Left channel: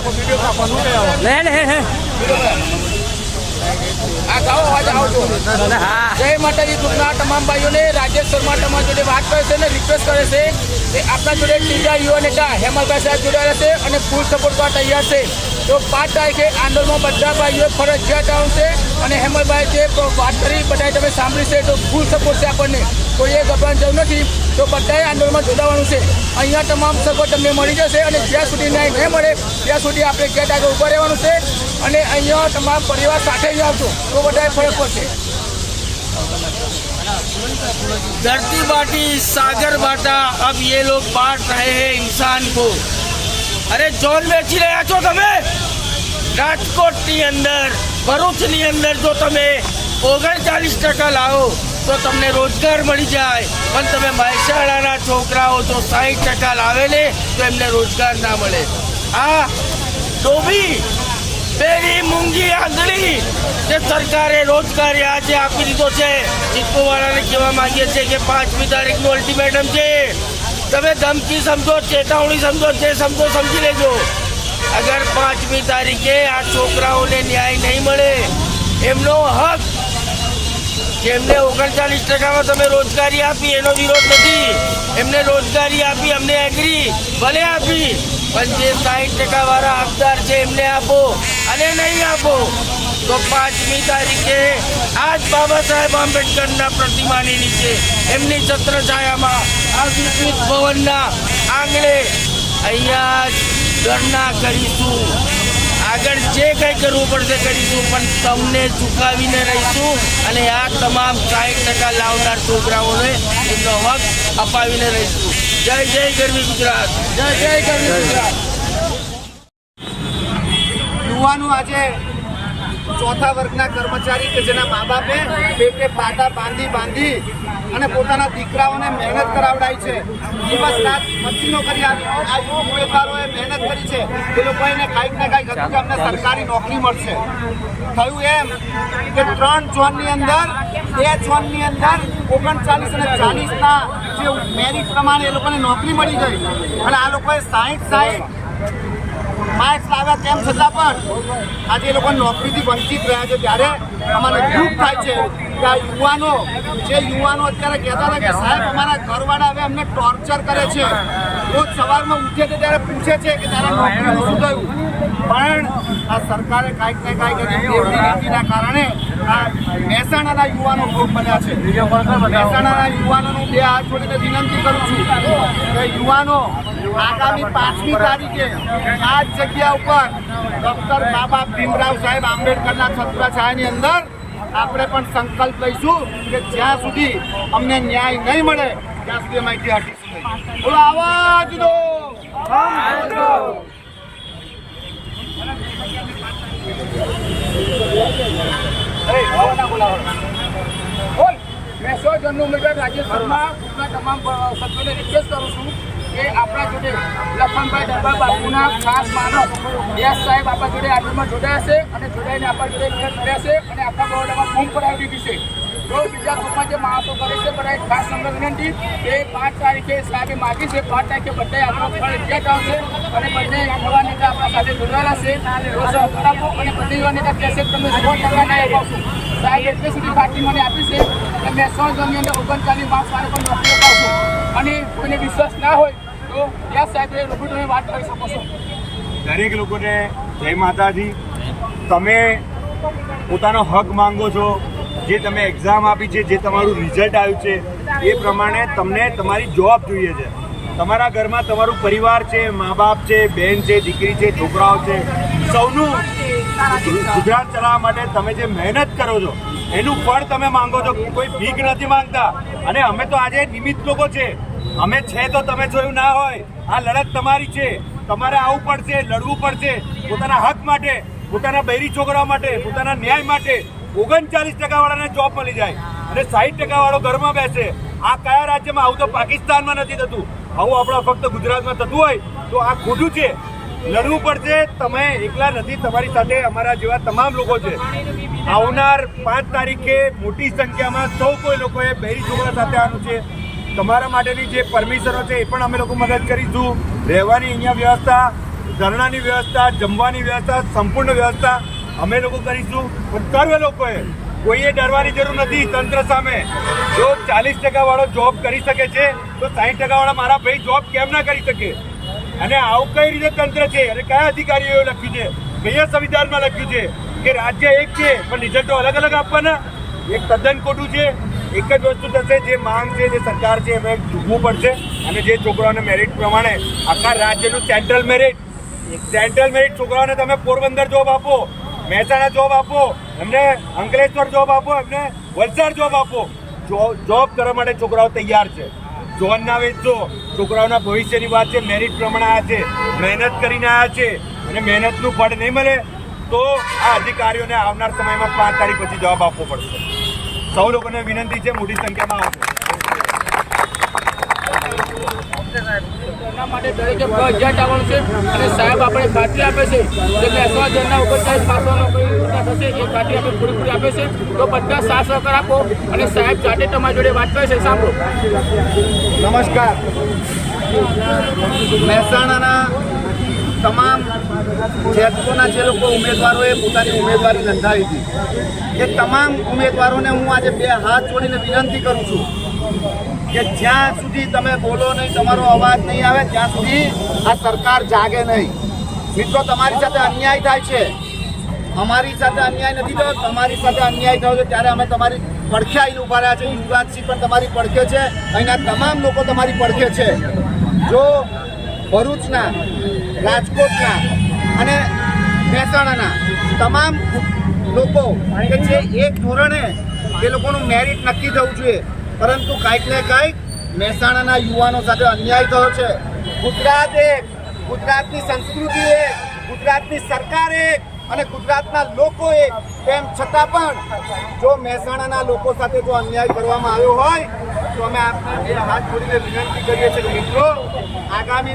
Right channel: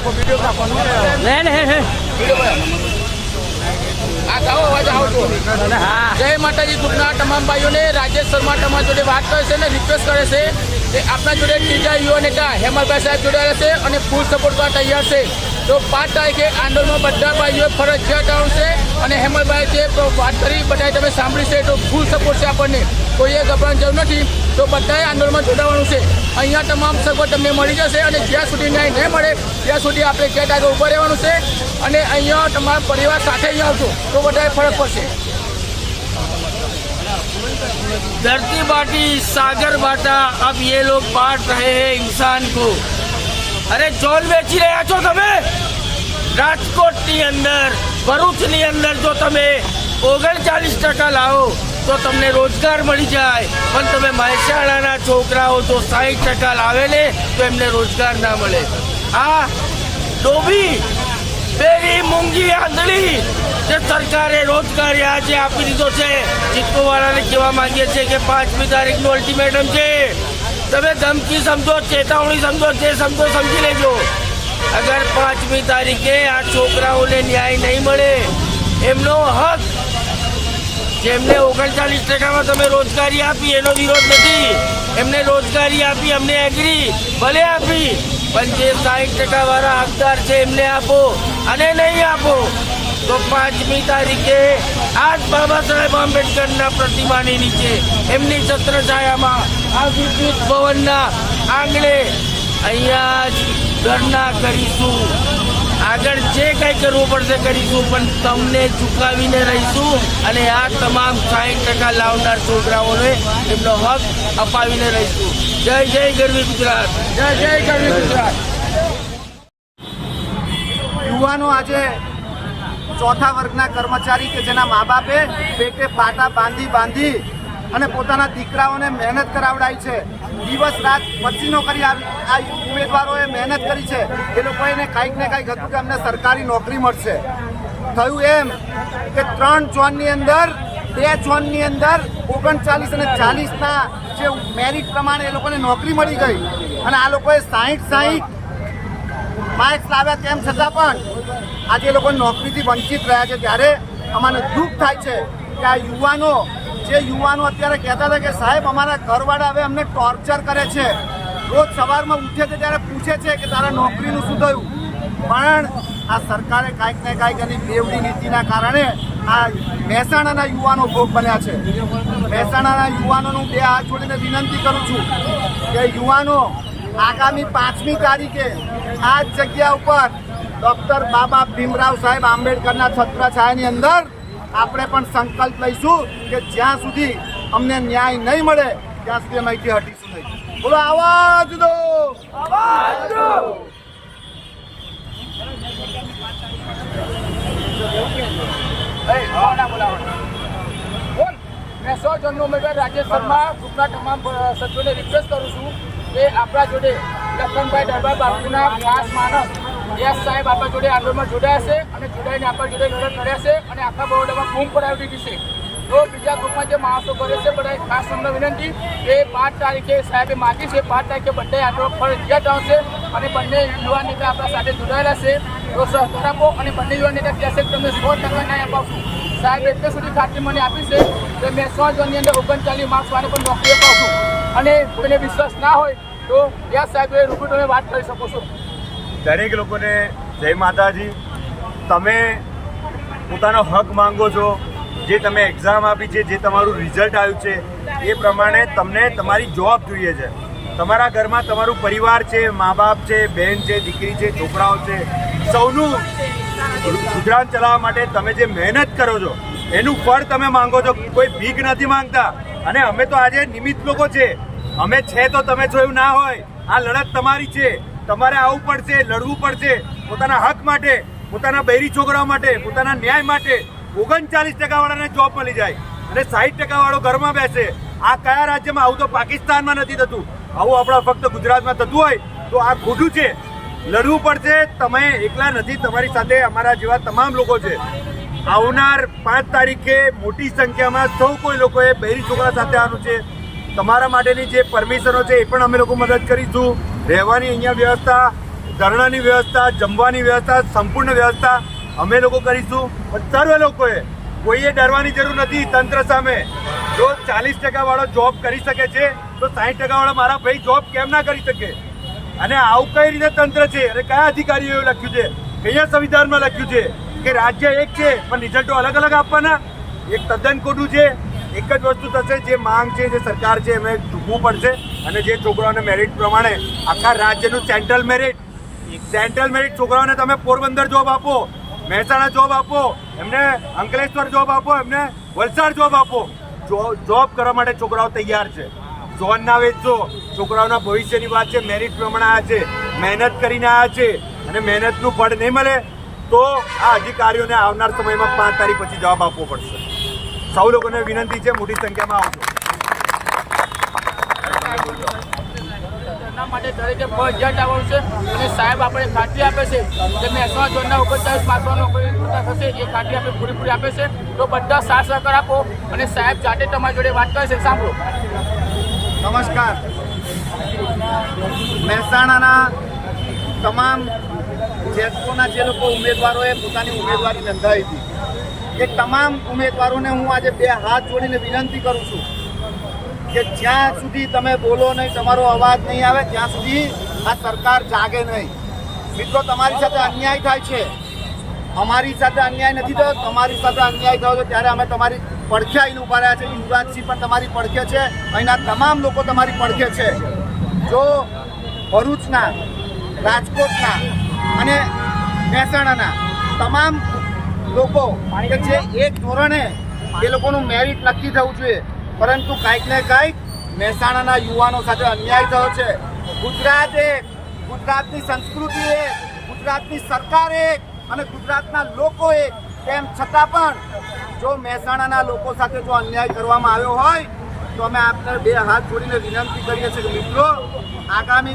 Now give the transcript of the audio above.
લે લે હે જય માતાજી ગ્રુપના તમામ ભાઈઓને રાજેશ શર્મા તમારા જોડે વાત કરે છે અને રિક્વેસ્ટ કરે છે. કે આપણા જોડે બીજા યુવા નેતા હેમલભાઈ સાહેબ જોડાયેલા છે અને ફૂલ સપોર્ટ કરવા તૈયાર છે. તો પાંચ તારીખે આંદોલનમાં બધા ભાઈઓ ફરજિયાત આવશે અને હેમંતભાઈ છે તો વાત કરી, બધાએ તમે સાંભળી છે, તો ફૂલ સપોર્ટ છે આપણને. કોઈ કોઈએ ગભરાણ જરૂર નથી. તો બધાએ આંદોલનમાં જોડાવાનું છે. અહીંયા તમામ સગવડ તમને મળી જશે અને જ્યાં સુધી ન્યાય નહીં મળે, ત્યાં સુધી આપણે ગેટ આગળ ઊભા રહેવાનું છે અને અહીંયા તમારા પરિવાર સાથે અહીં આવશો તો બધાએ ફરક પડશે. ધરતી બાટી સાગર બાટા અબ યે લોગ પાટ રહે હે ઇન્સાન કો. અરે જોન વેચી રહ્યા છો તમે? રાજકોટની અંદર, ભરૂચની અંદર જો તમે ઓગણચાલીસ ટકા લાવો, તો તમને રોજગાર મળી જાય. પણ તમે મહેસાણાના છોકરાઓ જો સાહીઠ ટકા લાવે ને, તો એમને રોજગાર ના મળે. આ ડોબી પેલી મૂંગી આંધળી કે સરકારે રોજગારી આજે આપી દીધો છે. ચીકુવાળાને કહેવા માંગીએ છીએ કે પાંચમી તારીખનું અલ્ટિમેટમ છે. તમે ધમકી સમજો, ચેતવણી સમજો, જે સમજો સમજી લેજો. અગર પાંચમી તારીખે આ છોકરાઓને ન્યાય નહીં મળે, એમનો હક જેમને ઓગણચાલીસ ટકામાં તમે રોજગારી આપી, એનો વિરોધ નથી. એમને રોજગારી આપી, અમને એગ્રી ભલે આપી, પણ જે સાઠ ટકા વાળા હકદાર છે, એમને આપો અને નહીં આપો. તો પાંચમી તારીખે આજ બાબા સાહેબ આંબેડકરના પ્રતિમાની નીચે એમની છત્ર છાયામાં આ વિકસિત ભવનના આંગણે અહીંયા જ ધરના કરીશું. આગળ જે કંઈ કરવું પડશે કરીશું, પણ તમને ચૂકાવીને રહીશું અને આ તમામ સાઠ ટકા લાવનાર છોકરાઓને એમનો હક અપાવીને રહીશું. જય જય ગરવી ગુજરાત. જય જય ગરવી ગુજરાત. યુવાનો, આજે ચોથા વર્ગના કર્મચારી કે જેના મા બાપે પેટે પાટા બાંધી બાંધી અને પોતાના દીકરાઓને મહેનત કરાવડાય છે. દિવસ રાત પછીનો કરી આ ઉમેદવારોએ મહેનત કરી છે. એ લોકોએ કાંઈક ને કાંઈક હતું કે અમને સરકારી નોકરી મળશે. થયું એમ કે ત્રણ ઝોનની અંદર, બે ઝોનની અંદર ઓગણચાલીસ અને ચાલીસના જે મેરિટ પ્રમાણે એ લોકોને નોકરી મળી ગઈ. અને આ લોકોએ સાહીઠ સાહીઠ માર્ક્સ લાવ્યા તેમ છતાં પણ આજે લોકો નોકરીથી વંચિત રહ્યા છે. ત્યારે અમને દુઃખ થાય છે કે આ યુવાનો, જે યુવાનો અત્યારે કહેતા હતા કે સાહેબ, અમારા ઘરવાળા હવે અમને ટોર્ચર કરે છે. રોજ સવારમાં ઉઠે છે ત્યારે પૂછે છે કે તારા નોકરીનું શું થયું? પણ આ સરકારે કાંઈક ને કાંઈક એની દેવડી નીતિના કારણે આ મહેસાણાના યુવાનો ભોગ બન્યા છે. મહેસાણાના યુવાનોનું બે હાથ જોડીને વિનંતી કરું છું કે યુવાનો આગામી પાંચમી તારીખે આ જ જગ્યા ઉપર ડોક્ટર બાબા ભીમરાવ સાહેબ આંબેડકરના છત્રછાયાની અંદર આપણે પણ સંકલ્પ લઈશું કે જ્યાં સુધી અમને ન્યાય નહીં મળે, ત્યાં સુધી અમે અહીંથી હટીશું નહીં બોલો આવાજ દો! બોલ, મેં સો જણનો ઉમેદવાર રાજ્ય ગ્રુપના તમામ સભ્યોને રિક્વેસ્ટ કરું છું. કે આપણા જોડે લખનભાઈ ડબ્બા બાપુના ખાસ માનસ યસ સાહેબ આપણા જોડે આંદોલનમાં જોડાયા છે અને જોડાઈને આપણા જોડે કર્યા છે અને આખા બરોડામાં બૂમ પડાવી દીધી છે. તો બીજા ગ્રુપમાં જે માણસો કરે છે બધા એક ખાસ નંબર વિનંતી એ પાંચ તારીખે સાહેબે માગી છે, પાંચ તારીખે બધા આંદોલન ફરજિયાત આવશે અને બંને યુવા નેતા આપણા સાથે જોડાયેલા છે. તો સહકાર આપો અને બંને યુવા નેતા કહેશે તમે સો ટકા ન્યાય અપાવશો. સાહેબ એટલે સુધી ખાતરી મને આપી છે કે મેં સો ઝોનની અંદર ઓગણચાલીસ માર્ક્સ મારે પણ નોકરી અપાવશું અને કોઈને વિશ્વાસ ના હોય તો ત્યાં સાહેબ તમે વાત કરી શકો છો. દરેક લોકોને જય માતાજી. તમે પોતાનો હક માંગો છો, જે તમે એક્ઝામ આપી છે, જે તમારું રિઝલ્ટ આવ્યું છે, એ પ્રમાણે તમને તમારી જોબ જોઈએ છે. તમારા ઘરમાં તમારું પરિવાર છે, મા બાપ છે બહેન છે, દીકરી છે, છોકરાઓ છે, સૌનું ગુજરાત ચલાવવા માટે તમે જે મહેનત કરો છો, એનું ફળ તમે માંગો છો. કોઈ ભીખ નથી માંગતા. અને અમે તો આજે નિમિત્ત લોકો છે. અમે છે તો તમે જો એવું ના હોય. આ લડત તમારી છે. તમારે આવવું પડશે, લડવું પડશે. પોતાના હક માટે, પોતાના બૈરી છોકરાઓ માટે, પોતાના ન્યાય માટે ઓગણચાલીસ ટકા વાળાને જોબ મળી જાય અને સાહીઠ ટકા વાળો ઘરમાં બેસે. આ કયા રાજ્યમાં? આવું તો પાકિસ્તાનમાં નથી થતું. આવું આપણા ફક્ત ગુજરાતમાં થતું હોય તો આ ખોટું છે. લડવું પડશે. તમે એકલા નથી, તમારી સાથે અમારા જેવા તમામ લોકો છે. આવનાર પાંચ તારીખે મોટી સંખ્યામાં સૌ કોઈ લોકોએ બેરી છોકરા સાથે આવવાનું છે. તમારા માટેની જે પરમિશનો છે, એ પણ અમે લોકો મદદ કરીશું. રહેવાની અહીંયા વ્યવસ્થા, ધરણાની વ્યવસ્થા, જમવાની વ્યવસ્થા, સંપૂર્ણ વ્યવસ્થા અમે લોકો કરીશું. પણ સર્વે લોકોએ કોઈએ ડરવાની જરૂર નથી તંત્ર સામે. જો ચાલીસ ટકા વાળો જોબ કરી શકે છે, તો સાહીઠ ટકા વાળા મારા ભાઈ જોબ કેમ ના કરી શકે? અને આવું કઈ રીતે તંત્ર છે? અને કયા અધિકારીઓએ લખ્યું છે? કયા સંવિધાનમાં લખ્યું છે કે રાજ્ય એક છે, પણ રિઝલ્ટો અલગ અલગ આપવાના? એક તદ્દન ખોટું છે, એક જ વસ્તુ થશે, જે માંગ છે, જે સરકાર છે, એમાં ચૂકવું પડશે. અને જે છોકરાઓને મેરિટ પ્રમાણે આખા રાજ્યનું સેન્ટ્રલ મેરિટ સેન્ટ્રલ મેરિટ છોકરાઓને તમે પોરબંદર જોબ આપો, મહેસાણા જોબ આપો, એમને અંકલેશ્વર જોબ આપો, એમને વલસાડ જોબ આપો. જોબ કરવા માટે છોકરાઓ તૈયાર છે. જોન ના વેચશો છોકરાઓના ભવિષ્યની વાત છે મેરિટ પ્રમાણે આવ્યા છે, મહેનત કરીને આવ્યા છે અને મહેનતનું ફળ નહીં મળે તો આ અધિકારીઓને આવનાર સમયમાં પાંચ તારીખ પછી જવાબ આપવો પડશે. સૌ લોકોને વિનંતી છે, મોટી સંખ્યામાં આવશે માટે દરેકે ફરજિયાત આવવાનું છે. અને સાહેબ આપણે ખાતરી આપે છે કે મહેસાણા ઝોનના ઓગણચાલીસ પાસો નોકરી પૂર્ણ થશે, એ ખાતરી આપણે પૂરેપૂરી આપે છે. તો બધા સાથ સહકાર આપો અને સાહેબ જાતે તમારી જોડે વાત કરે છે, સાંભળો. નમસ્કાર. મહેસાણાના તમામ જેટકોના જે લોકો ઉમેદવારોએ પોતાની ઉમેદવારી નોંધાવી હતી, એ તમામ ઉમેદવારોને હું આજે બે હાથ જોડીને વિનંતી કરું છું કે જ્યાં સુધી તમે બોલો નહીં, તમારો અવાજ નહીં આવે, ત્યાં સુધી આ સરકાર જાગે નહીં. મિત્રો, તમારી સાથે અન્યાય થાય છે. અમારી સાથે અન્યાય નથી થયો. તમારી સાથે અન્યાય થયો ત્યારે અમે તમારી પડખે આવીને ઊભા રહ્યા છે. યુવરાજસિંહ પણ તમારી પડખે છે. અહીંના તમામ લોકો તમારી પડખે છે. જો ભરૂચના, રાજકોટના અને મહેસાણાના તમામ લોકો કે જે એક ધોરણે એ લોકોનું મેરિટ નક્કી થવું જોઈએ પરંતુ કાંઈક ને કાંઈક મહેસાણાના યુવાનો સાથે અન્યાય થયો છે. ગુજરાત એક, ગુજરાતની સંસ્કૃતિ એક, ગુજરાતની સરકાર એક અને ગુજરાતના લોકો એક. તેમ છતાં પણ જો મહેસાણાના લોકો સાથે જો અન્યાય કરવામાં આવ્યો હોય, તો અમે આપના બે હાથ જોડીને વિનંતી કરીએ છીએ મિત્રો, આગામી